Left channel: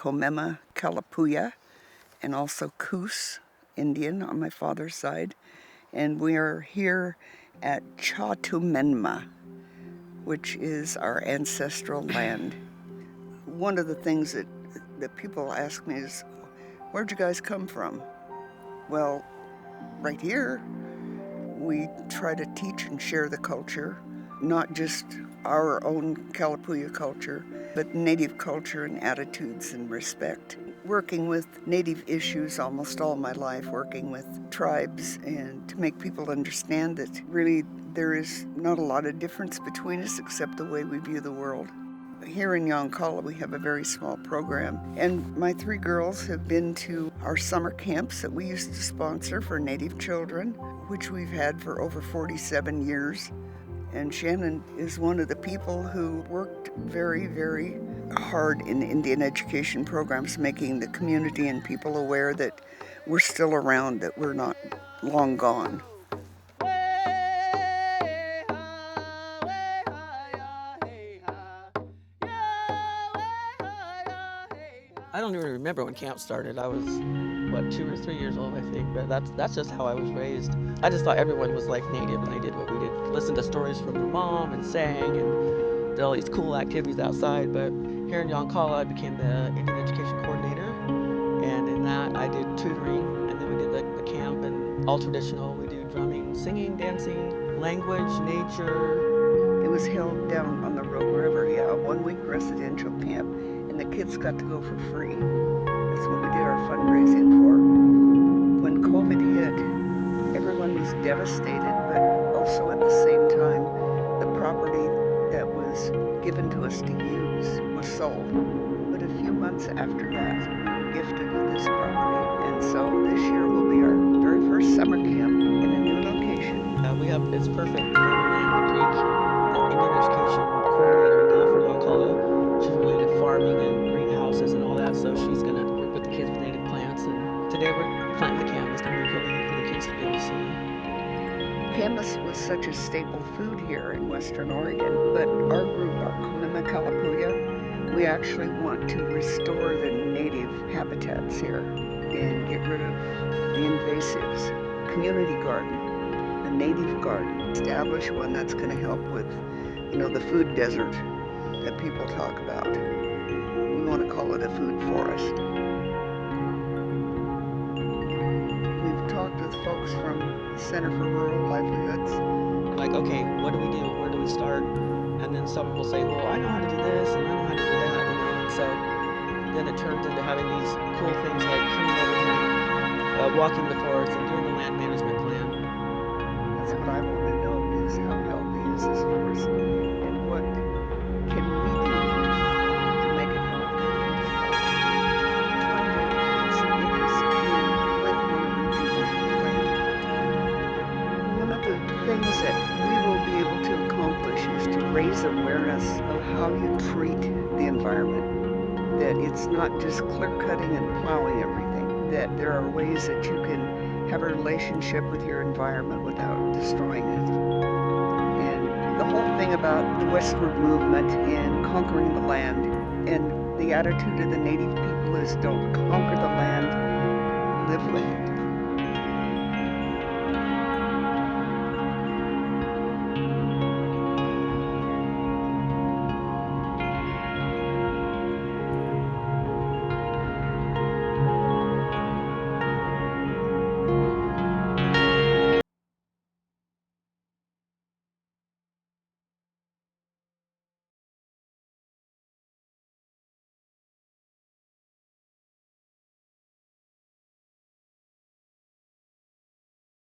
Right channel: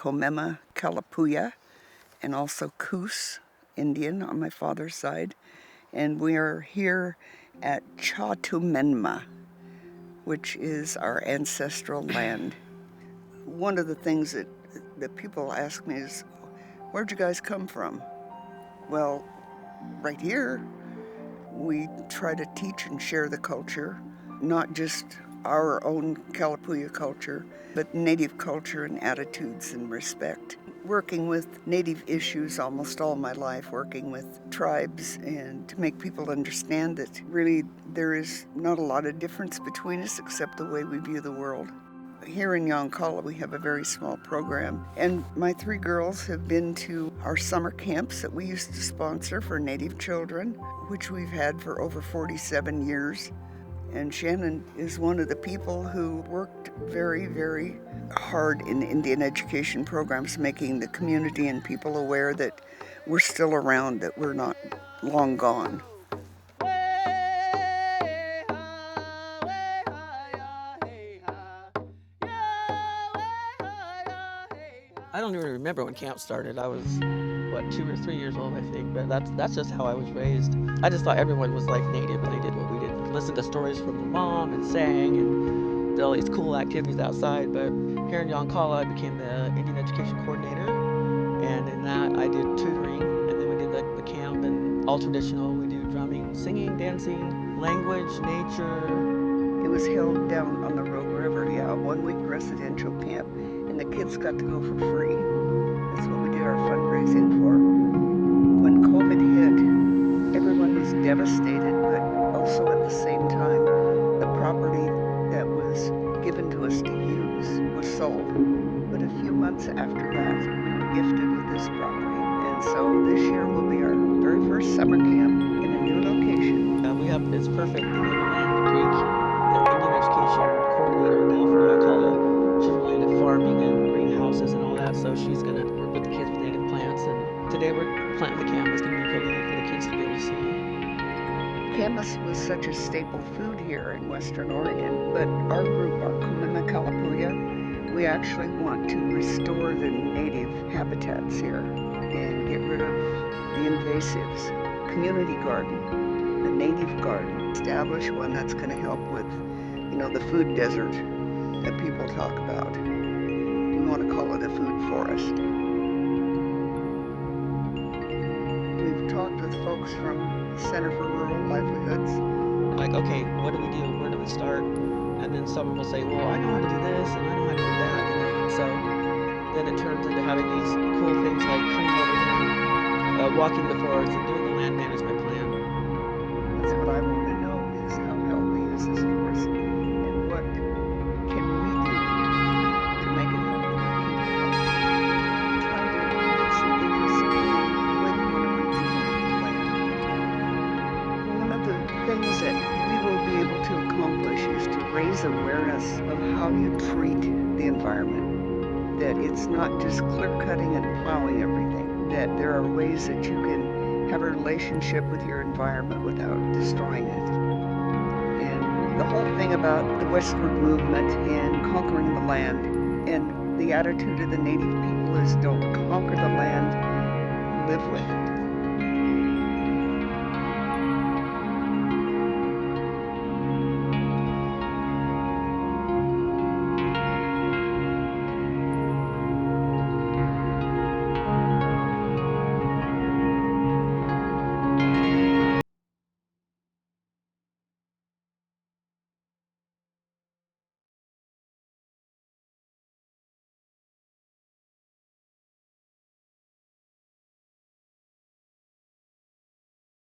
Komemma, Kalapuya, and also Coos Indian on my father's side. And we are here at Tumenma, which is our ancestral land. One of the things that people ask me is, where'd you guys come from? Well, right here, we try to teach and share the culture, not just our own Kalapuya culture, but Native culture and attitudes and respect. Working with Native issues almost all my life, working with tribes and to make people understand that really there is not a lot of difference between us except the way we view the world. Here in Yoncalla, we have a very small program, and my 3 girls have been to our summer camps that we used to sponsor for Native children, which we've had for over 47 years. And Shannon is one of the people who worked very, very hard in Indian education programs, making the community and people aware that we're still around, that we're not long gone. I don't even remember when camp started. I was, 2 or 3 years old, I think. But that's just how I was raised. I just thought everyone was like Native, and they did what we did. Listened to stories from their mom and sang and did all these cool activities outside. But here in Yoncalla, I became the Indian Education Coordinator. And in that, I did tutoring. And then we did the camp and all traditional. We do drumming, singing, dancing, language, nature. It was held down on the road wherever, a 1-week residential camp, and the kids got to go for free. That's what we did our fundraising for. When COVID hit, everyone was devastated, but also at the same time, the property that was given to us to use was sold. But a few months after that, we were gifted with this property. And so this year will be our very first summer camp in a new location. It's perfect. We have Land Creek, the Indian Education Coordinator now for Yoncalla. She's really into farming and greenhouses and all that, so she's going to work with the kids with native plants. And today we're planting the camas. It's going to be really neat for the kids to be able to see. Camas was such a staple food here in Western Oregon, but our group, our Komemma Kalapuya, we actually want to restore the native habitats here and get rid of the invasives. Community garden, the native garden, establish one that's going to help with, the food desert that people talk about. We want to call it a food forest. We've talked with folks from Center for Rural Livelihoods. Like, okay, what do we do? Where do we start? And then someone will say, well, I know how to do this and I know how to do that, So then it turns into having these cool things like coming over here and walking the forest and doing the land management plan. That's what I want to know is how healthy is this forest and what can we do to make it healthy, keep it healthy. Trying to get some interest in the way we want to rejuvenate the land. One of the things that we will be able to accomplish is to raise awareness of how you treat the environment. That it's not just clear cutting and plowing everything, that there are ways that you can have a relationship with your environment without destroying it. And the whole thing about the westward movement and conquering the land, and the attitude of the native people is don't conquer the land, live with it.